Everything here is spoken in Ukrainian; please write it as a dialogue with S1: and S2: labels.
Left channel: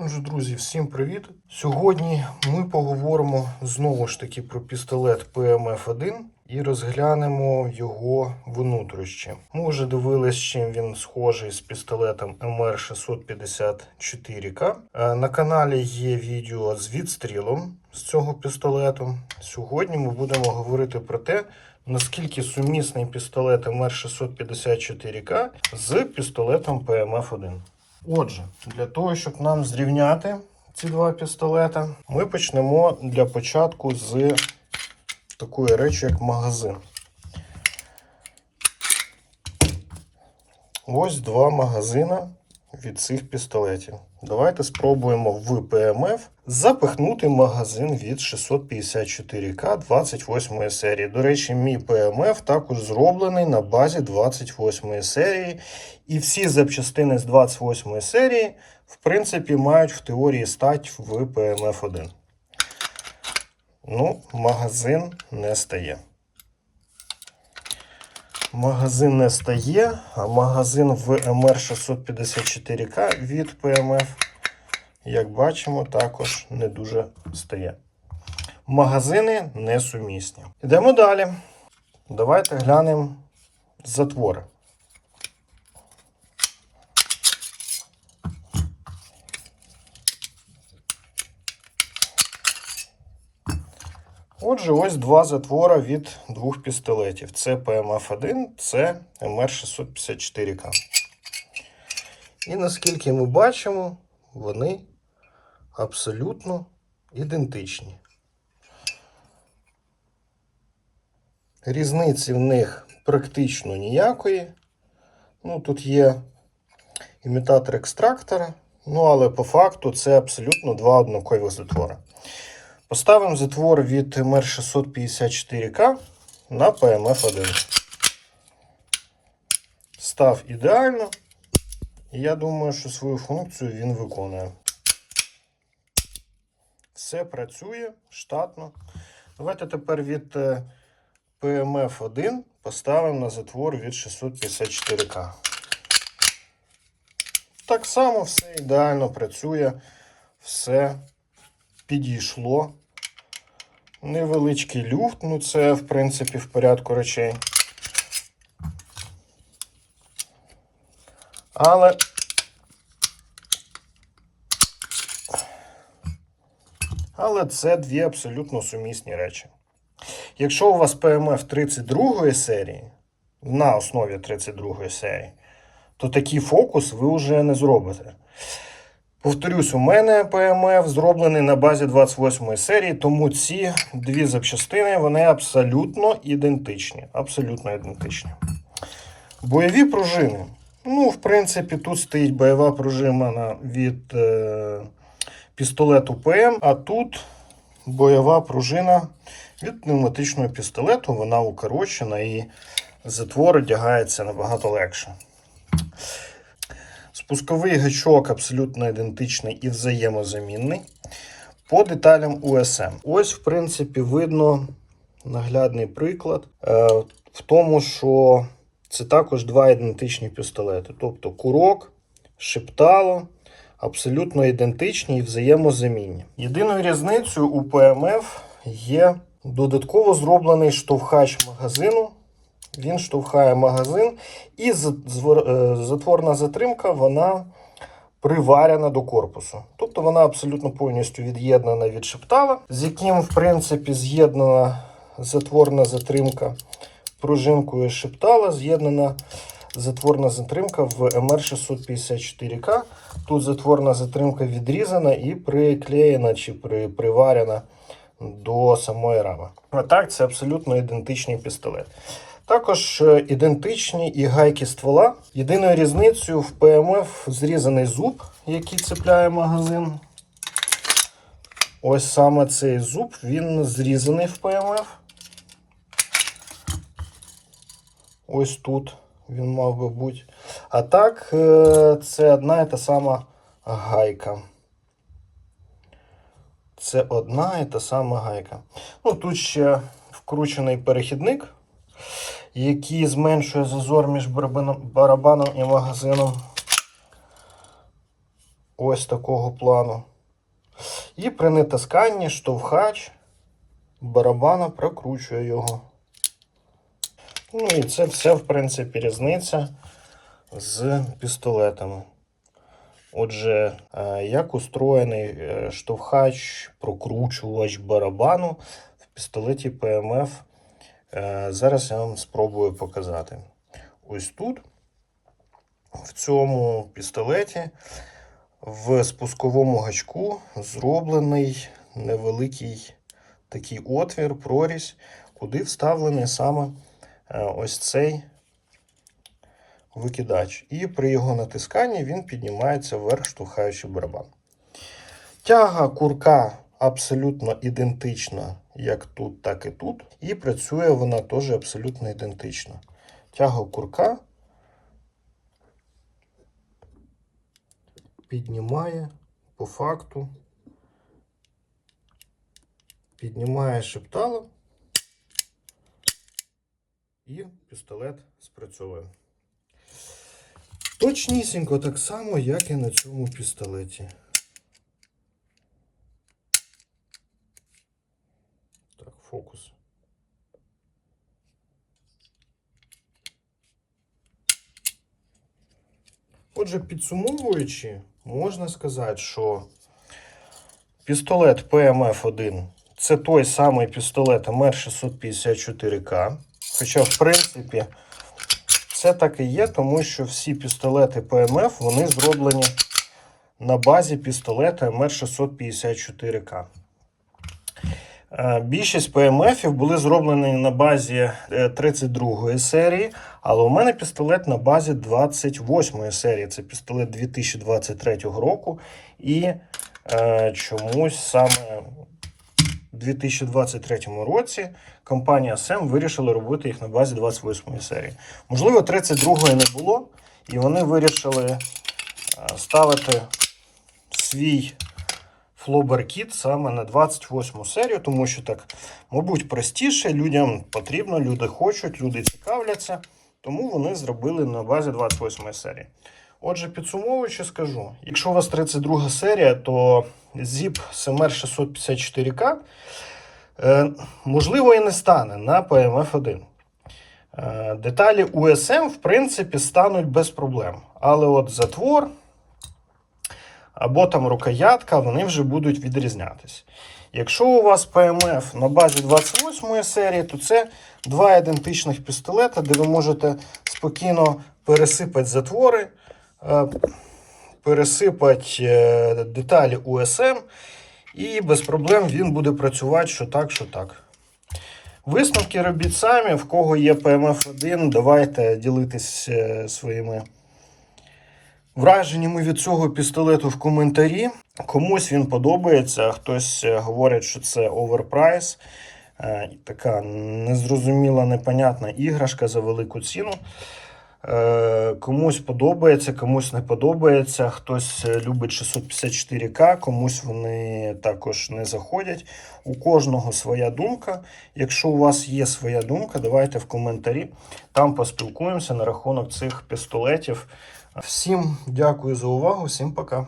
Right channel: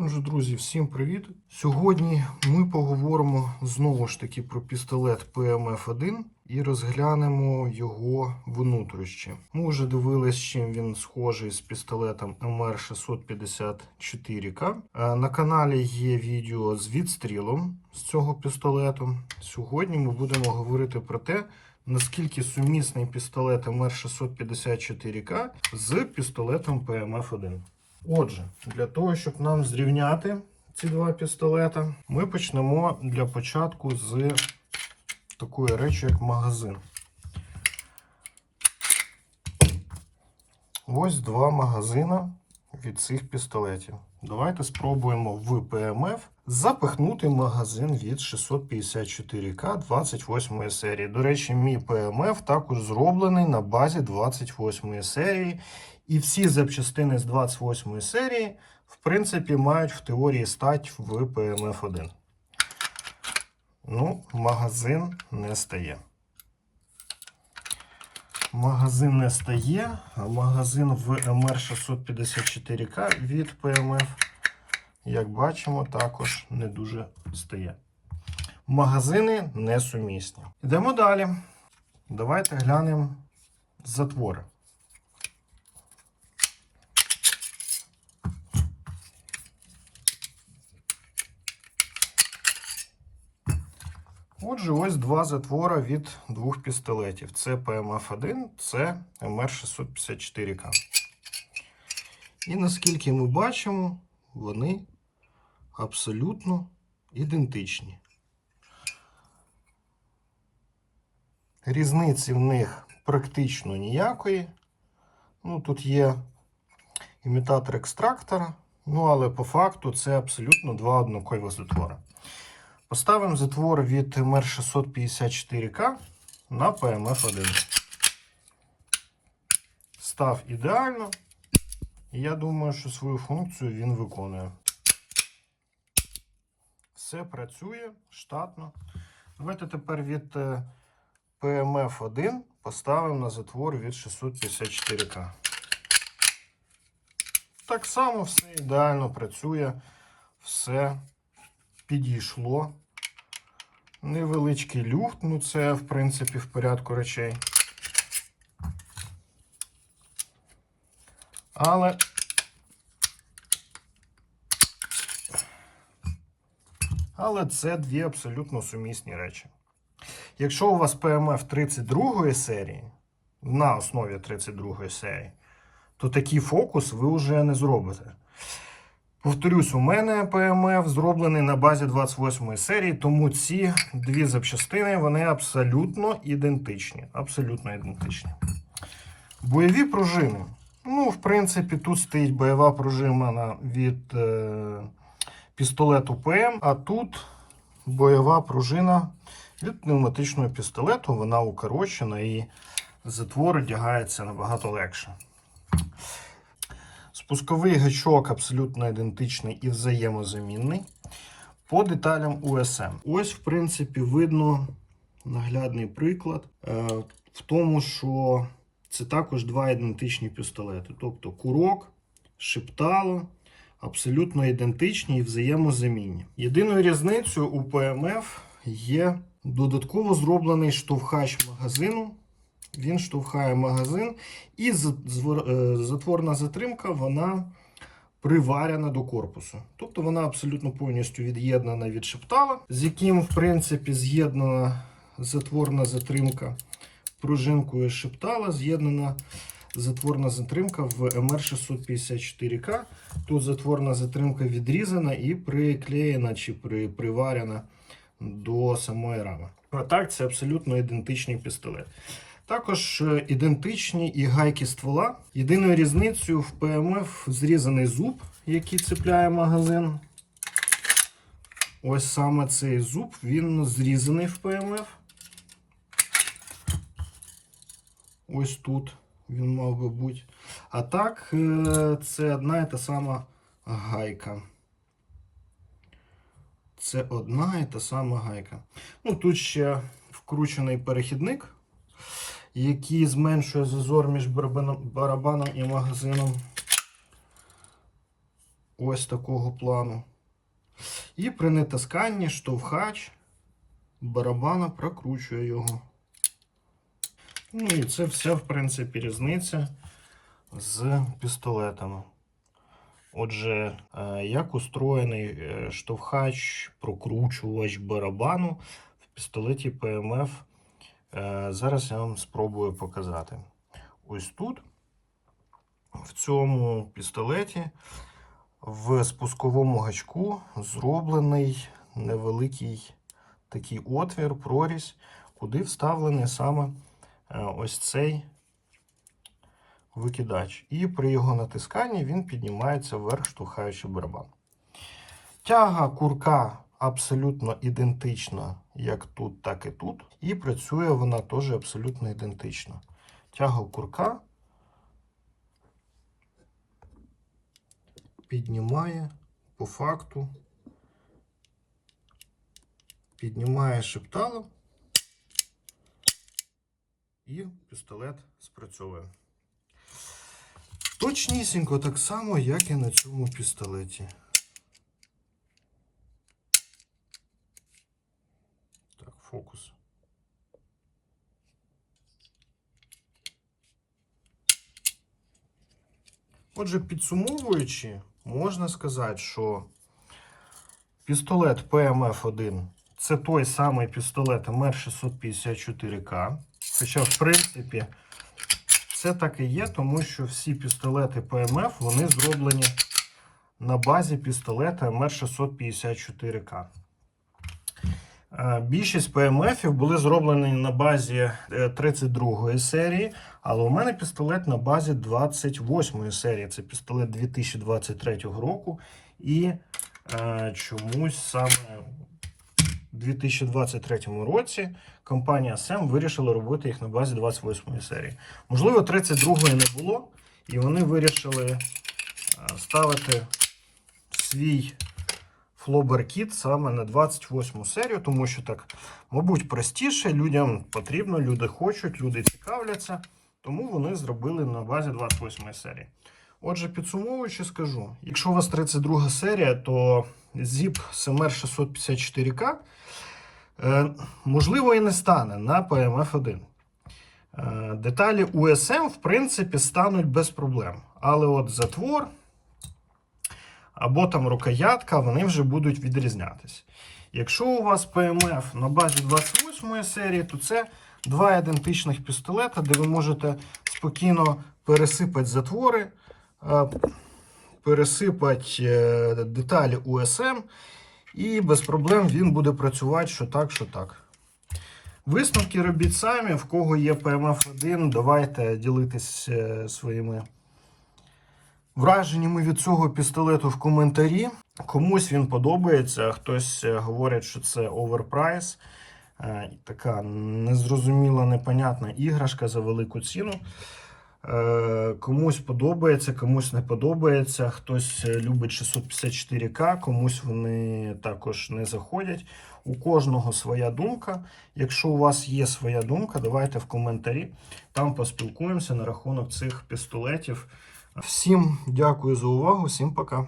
S1: Отже, друзі, всім привіт! Сьогодні ми поговоримо знову ж таки про пістолет PMF-1 і розглянемо його внутрішні. Ми вже дивились, чим він схожий з пістолетом MR654К. Е, На каналі є відео з відстрілом з цього пістолету. Сьогодні ми будемо говорити про те, наскільки сумісний пістолет MR654К з пістолетом PMF-1. Отже, для того, щоб нам зрівняти ці два пістолети, ми почнемо для початку з такої речі, як магазин. Ось два магазини від цих пістолетів. Давайте спробуємо в ПМФ запихнути магазин від 654К 28 серії. До речі, мій ПМФ також зроблений на базі 28 серії. І всі запчастини з 28 серії, в принципі, мають в теорії стать в ПМФ-1. Ну, магазин не стає. Магазин не стає, а магазин в МР654К від ПМФ, як бачимо, також не дуже стає. Магазини несумісні. Йдемо далі. Давайте глянемо затвори. Отже, ось два затвора від двох пістолетів. Це PMF-1, це MR654К. І наскільки ми бачимо, вони абсолютно ідентичні. Різниці в них практично ніякої. Ну, тут є імітатор екстрактора, ну але по факту це абсолютно два однакові затвори. Поставимо затвор від МР654К на PMF1. Став ідеально. Я думаю, що свою функцію він виконує. Все працює штатно. Давайте тепер від е, PMF1 поставимо на затвор від 654К. Так само все ідеально працює, все підійшло. Невеличкий люфт, ну це, в принципі, в порядку речей. Але Але це дві абсолютно сумісні речі. Якщо у вас PMF 32 серії, на основі 32 серії, то такий фокус ви вже не зробите. Повторюсь, у мене ПМФ зроблений на базі 28 серії, тому ці дві запчастини вони абсолютно ідентичні. Абсолютно ідентичні. Бойові пружини. Ну, в принципі, тут стоїть бойова пружина від е, пістолету ПМ, а тут бойова пружина від пневматичного пістолету. Вона укорочена і затвор одягається набагато легше. Спусковий гачок абсолютно ідентичний і взаємозамінний. По деталям USM. Ось, в принципі, видно наглядний приклад е, в тому, що це також два ідентичні пістолети. Тобто курок, шептало абсолютно ідентичні і взаємозамінні. Єдиною різницею у ПМФ є додатково зроблений штовхач магазину. Він штовхає магазин, і е, затворна затримка вона приварена до корпусу. Тобто вона абсолютно повністю від'єднана від шептала, з яким, в принципі, з'єднана затворна затримка пружинкою шептала, з'єднана затворна затримка в МР654К. Тут затворна затримка відрізана і приклеєна чи приварена до самої рами. А так, це абсолютно ідентичний пістолет. Також е, ідентичні і гайки ствола. Єдиною різницею в ПМФ зрізаний зуб, який цепляє магазин. Ось саме цей зуб, він зрізаний в ПМФ. Ось тут він мав би бути. А так, е, це одна і та сама гайка. Це одна і та сама гайка. Ну, тут ще вкручений перехідник, який зменшує зазор між барабаном, і магазином. ось такого плану. І при натисканні штовхач барабана прокручує його. Ну і це все, в принципі, різниця з пістолетами. Отже, е, як устроєний е, штовхач, прокручувач барабану в пістолеті ПМФ, е, зараз я вам спробую показати. Ось тут, в цьому пістолеті, в спусковому гачку зроблений невеликий такий отвір, прорізь, куди вставлений саме ось цей викидач. І при його натисканні він піднімається вверх, штовхаючи барабан. Тяга курка абсолютно ідентична як тут, так і тут. І працює вона теж абсолютно ідентично. Тяга курка піднімає по факту, піднімає шептало, і пістолет спрацьовує. Точнісінько так само, як і на цьому пістолеті. Так, фокус. Отже, підсумовуючи, можна сказати, що пістолет PMF-1 це той самий пістолет МР654К. Хоча, в принципі, це так і є, тому що всі пістолети PMF вони зроблені на базі пістолета МР654К. Е, Більшість PMF були зроблені на базі 32 серії, але у мене пістолет на базі 28 серії. Це пістолет 2023 року. І е, чомусь саме 2023 році компанія SEM вирішила робити їх на базі 28 серії. Можливо, 32-ї не було, і вони вирішили е, ставити свій флобер-кіт саме на 28 серію, тому що так, мабуть, простіше, людям потрібно, люди хочуть, люди цікавляться, тому вони зробили на базі 28 серії. Отже, підсумовуючи, скажу: якщо у вас 32 серія, то ZIP SMR 654K е, можливо і не стане на PMF1. Е, деталі USM, в принципі, стануть без проблем. Але от затвор або там рукоятка, вони вже будуть відрізнятися. Якщо у вас PMF на базі 28 серії, то це два ідентичних пістолета, де ви можете спокійно пересипати затвори, пересипати е, деталі USM, і без проблем він буде працювати що так, що так. Висновки робіть самі. В кого є PMF1, давайте ділитись е, своїми враженнями від цього пістолету в коментарі. Комусь він подобається, хтось е, говорить, що це оверпрайс. Е, Така незрозуміла, непонятна іграшка за велику ціну. Е, Комусь подобається, комусь не подобається. Хтось е, любить 654К, комусь вони також не заходять. У кожного своя думка. Якщо у вас є своя думка, давайте в коментарі. Там поспілкуємося на рахунок цих пістолетів. Всім дякую за увагу, всім пока.